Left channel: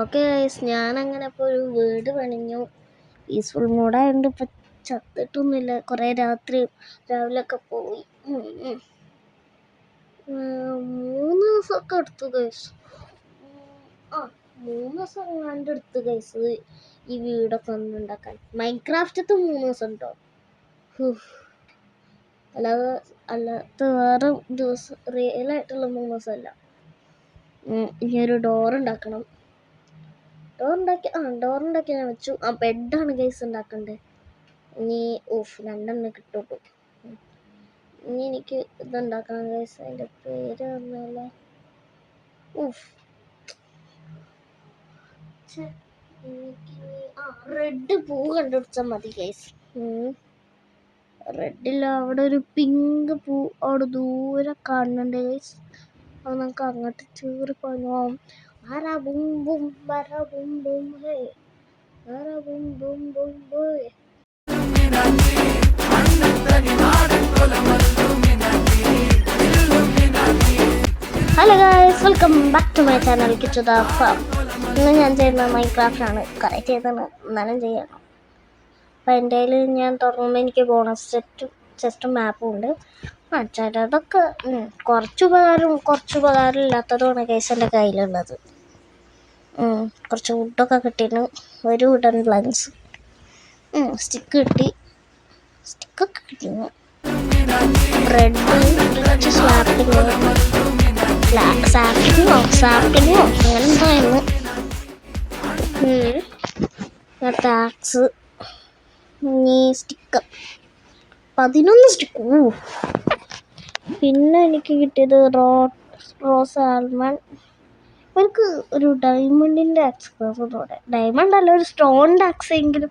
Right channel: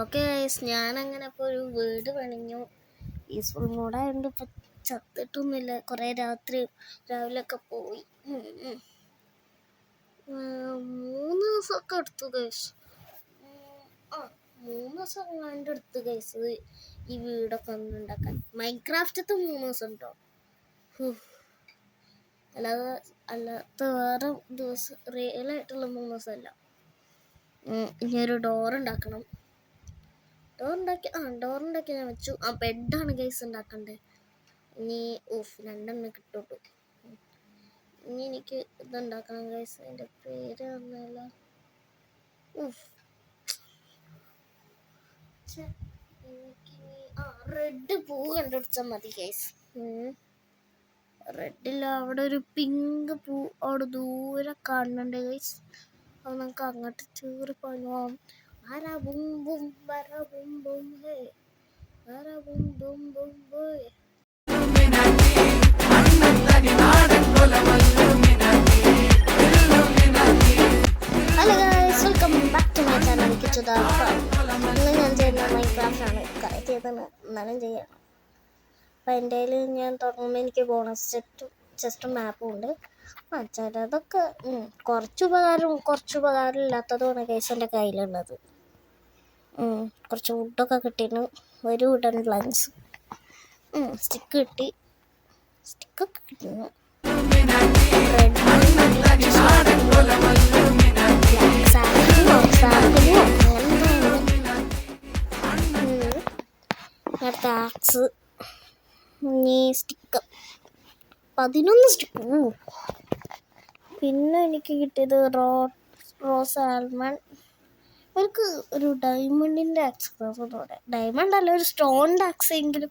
Okay guys, ഞാനങ്ങനെ ഇപ്പോൾ ഒരു വീട് പണിഞ്ഞു. പീസ്ഫുൾ മൂഡായതുകൊണ്ട് ഇപ്പം ചത്തിട്ടൊന്നുമില്ല. കുറേ രാവിലെയൊക്കെ പോയി. 3 ദിവസമൊക്കെ എടുത്തു ഗൈസ്. 3 ദിവസം എങ്ങാണ്ട് എടുത്തു ഗൈസ് ഈ വീടൊക്കെ ഉണ്ടാക്കാൻ. മൈൻക്രാഫ്റ്റത്തെ 3 ദിവസം ഉണ്ടോ, അല്ലാത്ത വേറെ ദിവസം റിയലായിട്ടുള്ള 3 ദിവസമല്ല. ഇനി ഒരു ഡോറുണ്ടാക്കണം. ഡോറുണ്ടാക്കി ഞാൻ വെച്ചു. ബെഡാണ് ഗൈസ് ഉണ്ടാക്കണ്ടേ. ഇനി 2 കിട്ടുള്ളൂ. ഇനി എനിക്ക് ഇതുണ്ടാക്കണം ഗൈസ്. അതിൻ്റെ പേര് പറഞ്ഞാൽ റെഡ് പൂ കണ്ടുപിടിച്ചാൽ മതി ഗൈസ്. റെഡില്ല, അവിടെ ഒരു പിങ്ക് പൂ അവിടെ ദൂരെ കാണുന്നുണ്ട് ഗൈസ്. അത് നമുക്ക് അങ്ങോട്ട് ചേറി പോകാം. ബും ബും ബര ബും ബും ഹേ, ബര boom boom boom boy. Hello guys, welcome back to my channel Kichu the farm. ഇന്ന് ഞാൻ ചെയ്യുന്നത് മൈൻക്രാഫ്റ്റ് ആണ്. കുറേ ചെയ്താണ്, എന്നാലും ചെയ്യണം. അപ്പം എൻ്റെ കയ്യിൽ ഞാൻ തുറന്നുമ്പോൾ എനിക്ക് ബോണസ് ചെസ്റ്റും മാപ്പും ഉണ്ട്. അതൊക്കെ കുറച്ച് ഉപകാരം ഇല്ലാത്തതുമാണ് ഗൈസ് എൻ്റെ കയ്യിലുള്ളത്. കുറച്ച് വുഡൊക്കെ കിട്ടിയിട്ട് ഒരു വുഡൻ പ്ലാങ്ക്സ്, സ്റ്റിക്കൊക്കെ കിട്ടിയിരുന്നു. Red tax stick 11 stick. പിന്നെ എനിക്ക് കിട്ടിയത് റോസ് ആൽമണ്ട്. എനിക്ക് ഒരു ഡയമണ്ടിൻ്റെ ആക്സ്, ഡയമണ്ട് അല്ല, ഒരു സ്റ്റോണിൻ്റെ ആക്സ് എങ്കിലും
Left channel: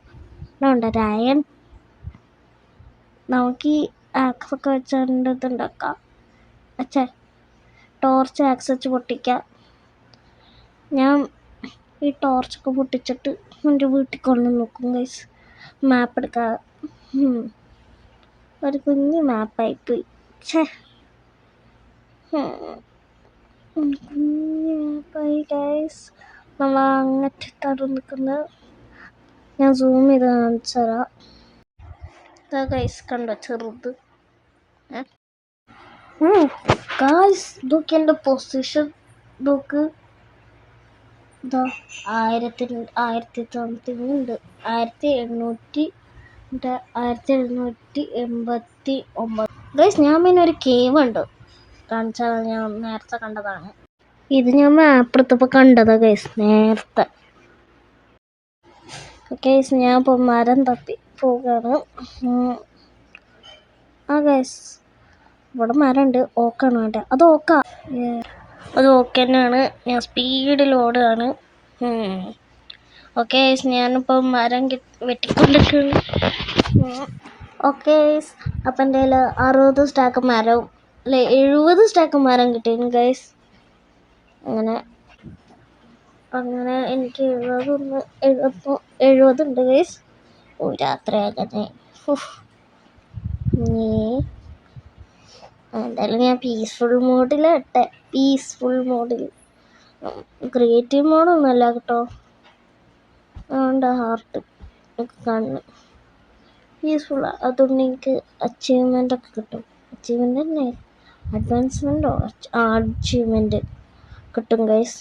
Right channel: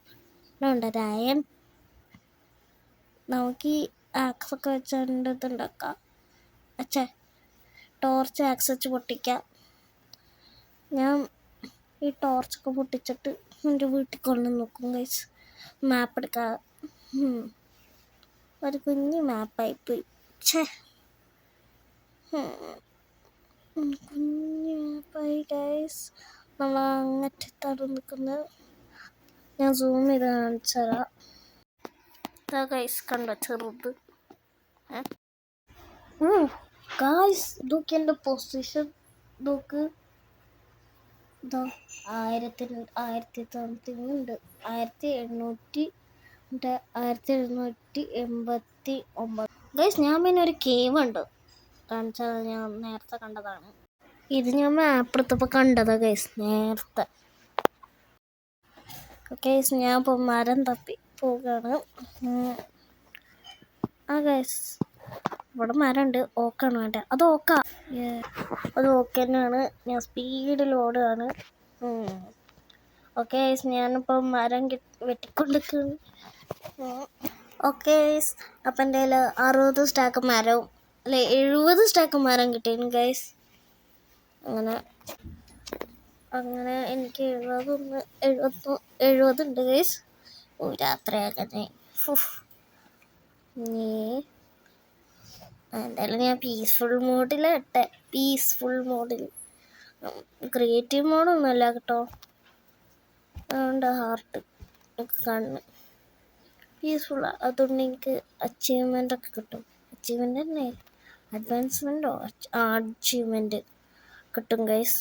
ഉണ്ട്. അയൺ നമുക്ക് ഈ ആക്സൊക്കെ വെച്ചുകൊണ്ട് ഇതുണ്ടാക്കാം. ടോർച്ച് ആക്സ് വെച്ച് പൊട്ടിക്കാം. ഞാൻ ഈ ടോർച്ചൊക്കെ പൊട്ടിച്ചിട്ട് എൻ്റെ വീട്ടിൽ കൊണ്ട് നോക്കും ഗൈസ്. മാപ്പ് എടുക്കാം. ഒരു കുഞ്ഞ് മാപ്പായിപ്പോയി. കുഞ്ഞ് മാപ്പായി ഗൈസ്. നമ്മൾ അങ്ങറ്റിട്ടാണ് നിൽക്കുന്നത്. ഞാൻ സൂം ചെയ്ത് കാണിച്ചു തരാം. ഗൈസ് കണ്ടോ ചെറുത്. ഗൈസ് ഇതൊക്കെ എൻ്റെ പൊസിഷൻ. ഇതൊക്കെ 1789 1789. ഗൈസ് ഞാൻ പിന്നെ ഒരു കേവ് ഉണ്ട് കാണിച്ചാൽ, ഞാൻ നേരത്തെ കണ്ടതാണ്. ഇത് ഞാൻ മാപ്പ് എടുത്തപ്പോൾ കണ്ടതാ ഗൈസ് നേരത്തെ. ഗൈസ് ഞാൻ ഇപ്പോൾ മരം തപ്പി പോവുകയാണ്. ഗൈസ് ഇവിടെ മരമുണ്ട്. ഓക്കാണ് വേണ്ട. അത് ഓക്ക തന്നെയാണ്. ഞാൻ സ്പീഡിൽ ഓടുകയാണ്. ഓക്കെ ഗൈസ്, ഞാനിപ്പോൾ മരം വെട്ടിക്കൊണ്ടിരിക്കുകയാണ്. ഓക്കെ ഗൈസ്, അപ്പം എൻ്റെ കയ്യിൽ 60 സ്റ്റാക്ക് മരവും 70 സ്റ്റാക്ക് മരം കിട്ടിയിരുന്നു ഗൈസ്. അങ്ങനെ എനിക്ക് 70 ഉണ്ട് ഗൈസ്. രാത്രിയാകണേ. എന്തായാലും ഞാൻ പീസ്ഫുൾ മോഡിൽ ക്രിയേറ്റീവ് മോഡൊന്നുമല്ല കേട്ടോ. അതുകൊണ്ട് ഹാർട്ട് ഒക്കെ കാണുന്നു. പീസ്ഫുൾ, അതുകൊണ്ട് എനിക്ക് അച്ചീവ്മെൻ്റ് ഒക്കെ കിട്ടും. അച്ചീവ്മെൻ്റ് തന്നെ, അഡ്വാൻസ്മെൻറ്റോ അച്ചീവ്മെൻറ്റ് കിട്ടും ഗൈസ്.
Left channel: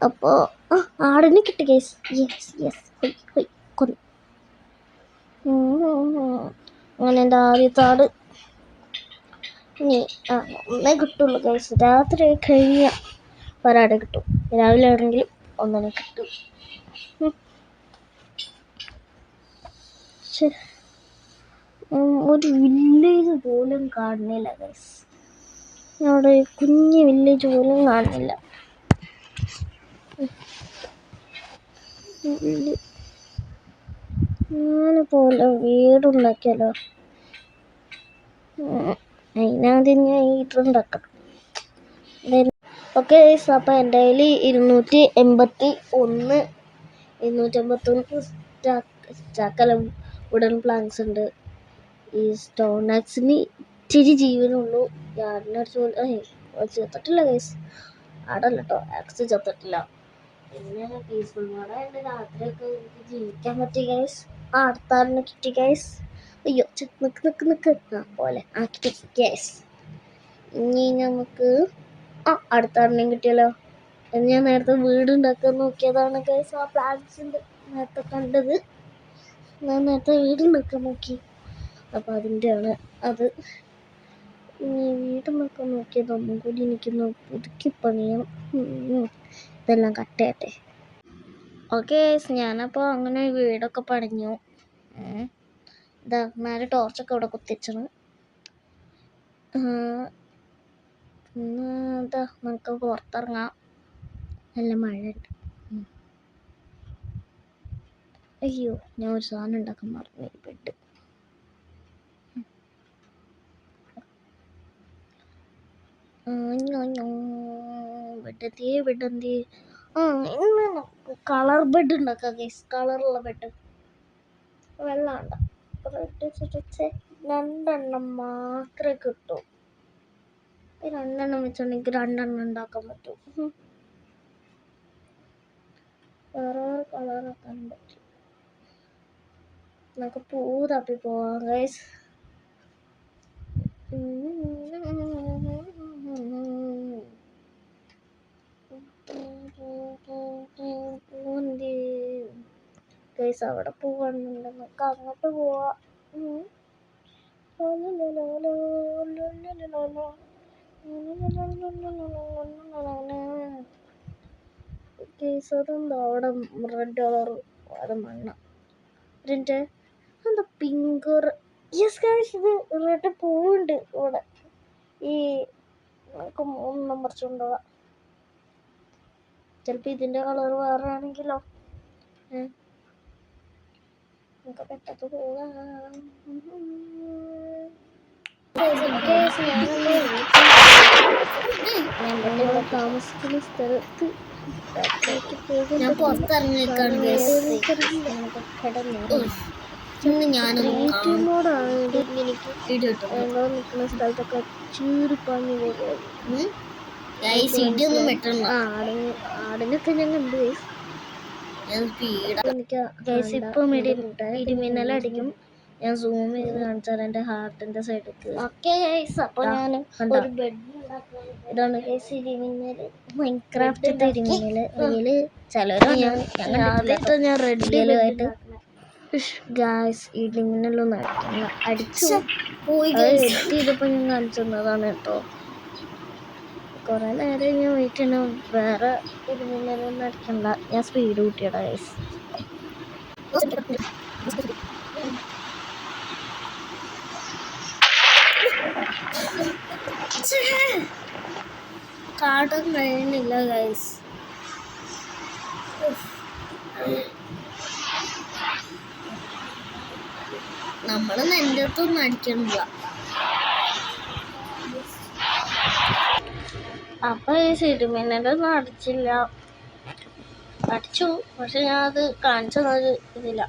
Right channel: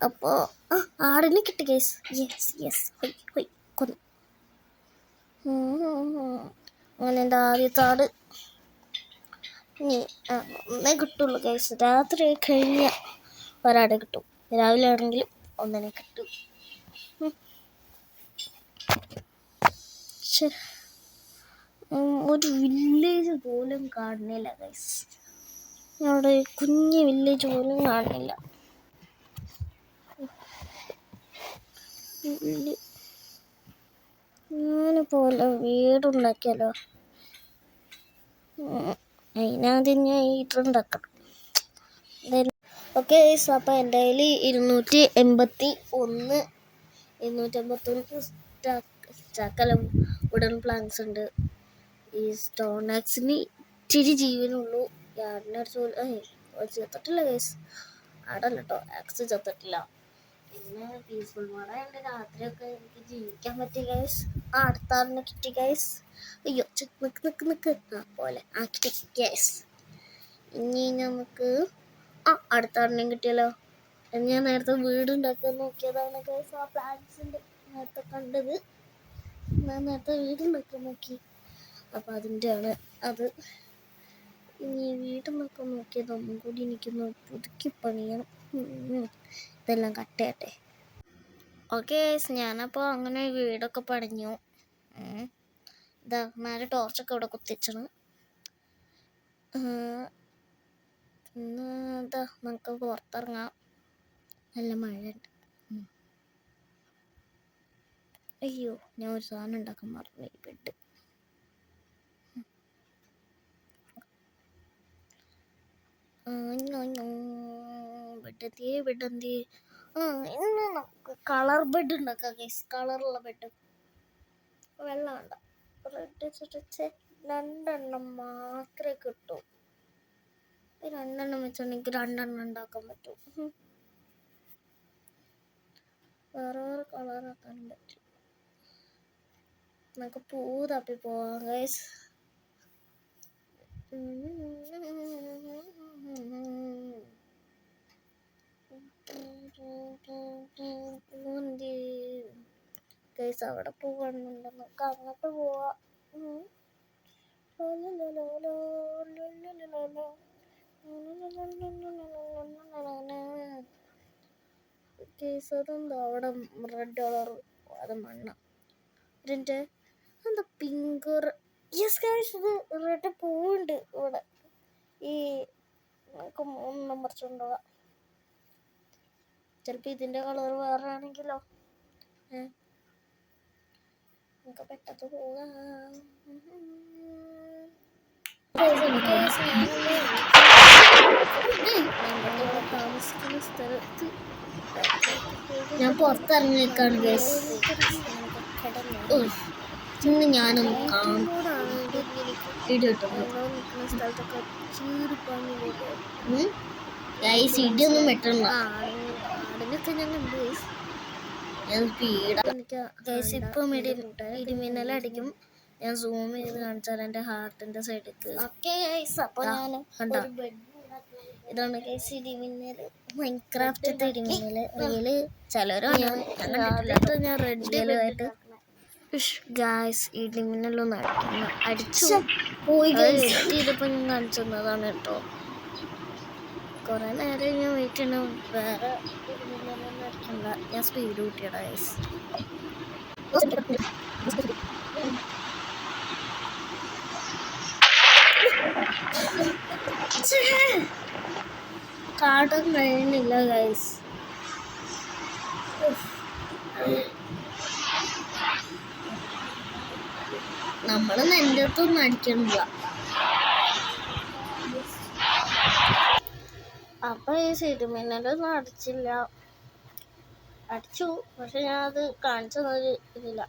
അപ്പോൾ ആടിനെ കിട്ടി ഗൈസ്. യെസ് കൊന്നു. അങ്ങനെ എൻ്റെ ആദ്യത്തെ ആട് ഒന്നേ കിട്ടുള്ളൂ ഗൈസ്. രാത്രി കഴിഞ്ഞാൽ ഒരാടെ കിട്ടും. രാവിലെ ആണെങ്കിലും ഒന്നിനെ കിട്ടും. ഒരു വില്ലേജ് പോലും കാണുന്നില്ല ഗൈസ്. അവിടെ കുഞ്ഞ് വില്ലേജ് പോലും കാണുന്നില്ല. ഞാനിപ്പോൾ വീടുണ്ടാക്കിയാലോ. അതിനാദ്യം ഞാൻ ഹീറ്ററുണ്ടാക്കണം. ഓക്കെ ഗൈസ്, അപ്പോൾ എൻ്റെ കയ്യിൽ 281 സ്റ്റാക്കെല്ലാം വുഡൻ പ്ലാങ്ക്സ് ഉണ്ട്. ഈ സ്റ്റോൺ ആക്സിന് ഇച്ചിരി ജീവനുള്ളൂ. ആടിനടിച്ച് ചത്തിട്ടില്ല ഗൈസ്. ആടല്ല കേട്ടോ, ആക്സ് ചത്തിട്ടില്ല. പിന്നെ പീസ്ഫുൾ മോഡായിട്ട് രാത്രിയൊക്കെ എനിക്ക് ജീവിക്കാൻ പറ്റി ഗൈസ്. അടുത്താറിന് കിട്ടി ഗൈസ്. അയ്യോ നിക്ക് പോലെ ആക്കി ഗൈസ്. ഇനി നമുക്ക് അടുത്താറിനെയും കിട്ടിയല്ലോ. ഞാൻ നേരത്തെ വീട് ഉണ്ടാക്കാൻ നോക്കിയതാണ് ഗൈസ്. ആ പ്ലാന്റ്സിൻ്റെ നേരത്തെ കണ്ടത്. ഞാൻ നേരത്തെ വീട് ഉണ്ടാക്കാൻ നോക്കി, അപ്പോൾ അതിൻ്റെയാണ് അത്. ഇനി വീട് നോക്കാൻ നോക്കിയത് ഒന്നും കൂടി എനിക്കൊന്ന് പുതുക്കി പണിയണം. ഇതെല്ലാം കട്ടയട്ടെ. ഓക്കെ ഗൈസ്, ഞാനപ്പോൾ അങ്ങനെ വീടൊക്കെ പണിഞ്ഞു. ഇതാ നേരെ ടോർച്ചൊക്കെ ഇവിടെ കുത്തിച്ചാണ്. പിന്നെ ഇതാ നമുക്ക് പുറത്തിറങ്ങാം. നല്ല മഴയുണ്ട്. അയ്യോ, ഞാൻ ഒരു സാധനം ഉണ്ടാക്കാൻ മറന്നു. പെട്ട് ബെഡെന്തി ഇന്ന് നമുക്ക് കളർ ബെഡ് ഉണ്ടാക്കാം ഗൈസ്. കളറുള്ള ബെഡ് വെള്ളം ഉണ്ട. റെഡ് ചുറ്റിച്ച് 2 മാത്രമേ കിട്ടൂ. 2 വെച്ചിട്ടുണ്ടെങ്കിൽ 2 ഉണ്ടാക്കാൻ പറ്റും. വേറെ കളറാക്കാൻ പറ്റും. നമുക്ക് പൂ തപ്പി പോവാം ഗൈസ്. ഗൈസ്, അവിടെ പോവാണെന്നുണ്ട്. നമുക്ക് അങ്ങോട്ട് പോവാം. ഗൈസ്, അതെന്താ അവിടെ റെഡ് കളർ? അത് മണ്ണ. ഇതിൻ്റെ എന്താ പിങ്ക്? യെസ് ഗൈസ്, ഇത് റെഡ് പൂവുണ്ട് ഇവിടെ. ഈ നമുക്ക് 3 പറിച്ചുകൊണ്ടുപോവാം. ചിലപ്പോൾ ഇതിൻ്റെ കളർ വേറെ ആണെങ്കിലോ. നമുക്ക് പെട്ടെന്ന് പോകാം. താമസിക്കുന്ന സ്ഥലത്ത് ഞാൻ പുറത്തിറങ്ങിയേക്കാണ് ഗൈസ്. ഇന്ന് ഞാനൊന്ന് സ്ഥലത്തൊക്കെ ഇടിയൊന്നും വെട്ടണ്ട. ആടിനൊക്കെ ഞാൻ കണ്ടു ഗൈസ്. ഇപ്പം ഇടിമിന്നലടിക്കും. ഞാൻ സൂം ചെയ്ത് കാണിച്ചാൽ എൻ്റെ ഹാർട്ടിൻ്റെ സൈഡിലേക്ക്. ഓക്കെ ഗൈസ്, അപ്പോൾ ഞാൻ ഒരു ബെഡ് ഇതാണ് ഗൈസ്. ഇടിമിന്നൽ മൈൻക്രാഫ്റ്റിൻ്റെ ഇടിമിന്നൽ. അതിൽ ചിലരോ ഞാൻ റെഡിയായിട്ട് ഗൈസ് ഇടിമിന്നലൊന്നും അടിച്ചു പോയി ഗൈസ്. ഇതിപ്പോൾ ഞാൻ കാണിച്ചു തന്നതാണ് കേട്ടോ. കുറേ നേരം ഞാൻ വെയിറ്റ് ചെയ്യണം. വേറെ ഇടിമിന്നലൊന്നും അടിക്കണ്ട. ഞാൻ സ്പീഡ് കൂട്ടിയടാ ഗൈസ്. കാർഡും കഴിയുന്നില്ല ഗൈസ്. നമ്മൾ എൻ്റെ അടുത്തൊന്നും അടിക്കണില്ല. അപ്പൊ ഈ ഇടിമിന്നലൊന്നും അടിച്ചില്ല. അടിച്ചു, പക്ഷെ ഞാൻ അത് കാണിച്ചു തന്നൊരു ഇതില്ല.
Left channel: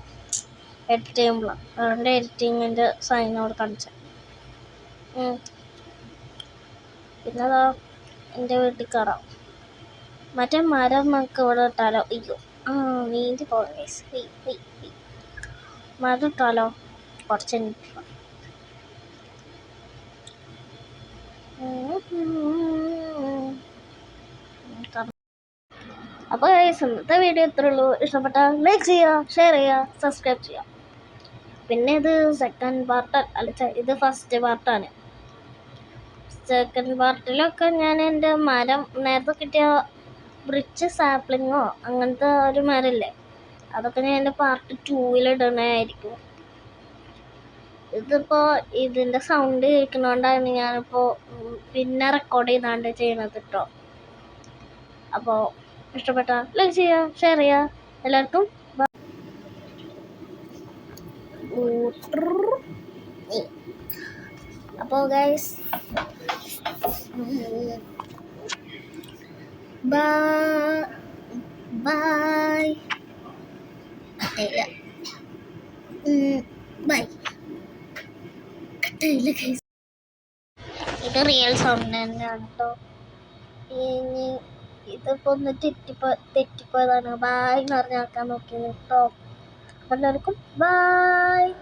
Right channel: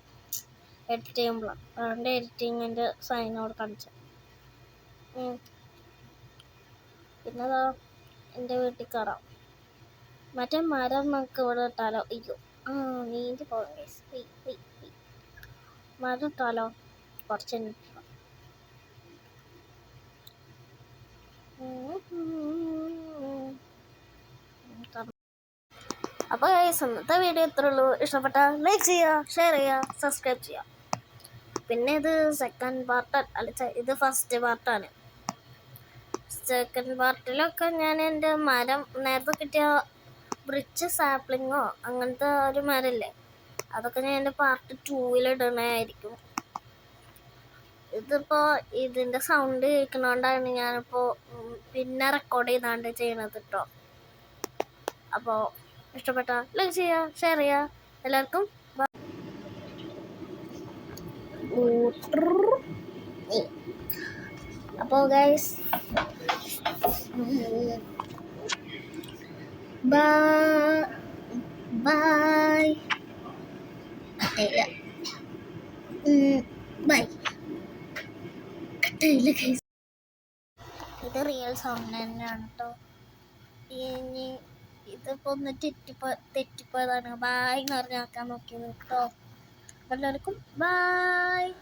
എഡിറ്റ് ചെയ്യുമ്പോഴാണ്. അതുകൊണ്ട് എഡിറ്റിങ്ങിൻ്റെ സൈനോട് കാണിച്ചത്. പിന്നെ അതാ എൻ്റെ വീട്ടിൽ കയറാം. മറ്റേ മരം നമുക്ക് ഇവിടെ ഇട്ടാലോ? അയ്യോ, നീന്തി പോകാം ഗൈസ്. മരം ഇട്ടാലോ? കുറച്ച് അപ്പോൾ ഗൈസ്, ഇന്നത്തെ വീഡിയോ ഇത്രേ ഉള്ളൂ. ഇഷ്ടപ്പെട്ടാൽ ലൈക്ക് ചെയ്യുക, ഷെയർ ചെയ്യുക, സബ്സ്ക്രൈബ് ചെയ്യുക. പിന്നെ ഇത് സെക്കൻഡ് പാർട്ട് അല്ല, ഇത് ഫസ്റ്റ് പാർട്ടാണ്. സെക്കൻഡ് പാർട്ടിലൊക്കെ ഞാൻ എൻ്റെ മരം നേരത്തെ കിട്ടിയ ബ്രിച്ച് സാപ്ലിങ്ങോ അങ്ങനത്തെ ഒരു മരമില്ലേ, അതൊക്കെ ഞാൻ എൻ്റെ പാർട്ട് 2 ഇടണമായിരിക്കും. ഇതിപ്പോൾ ഇതിൻ്റെ സൗണ്ട് കേൾക്കുന്നതുകൊണ്ടാണ് ഞാനിപ്പോൾ പിന്നെ റെക്കോർഡ് ചെയ്താണ്ട് ചെയ്യണത് കേട്ടോ. അപ്പോൾ ഇഷ്ടപ്പെട്ടാൽ ലൈക്ക് ചെയ്യുക, ഷെയർ ചെയ്യുക. എല്ലാവർക്കും അപ്പോൾ ഗൈസ് ബൈ. ബൈ. കട്ടയില്ല ഗൈസ്. ഇത് റിയൽ സൗണ്ട് തന്നെയാണ് കേട്ടോ. ഇനി ഇത് ഇതിപ്പോൾ ഒന്ന് തെറ്റിപ്പോയതാണ്. ബായ് എന്ന് പറഞ്ഞ് ആക്കാൻ നോക്കിയത് കേട്ടോ. എല്ലാവർക്കും ബായ്.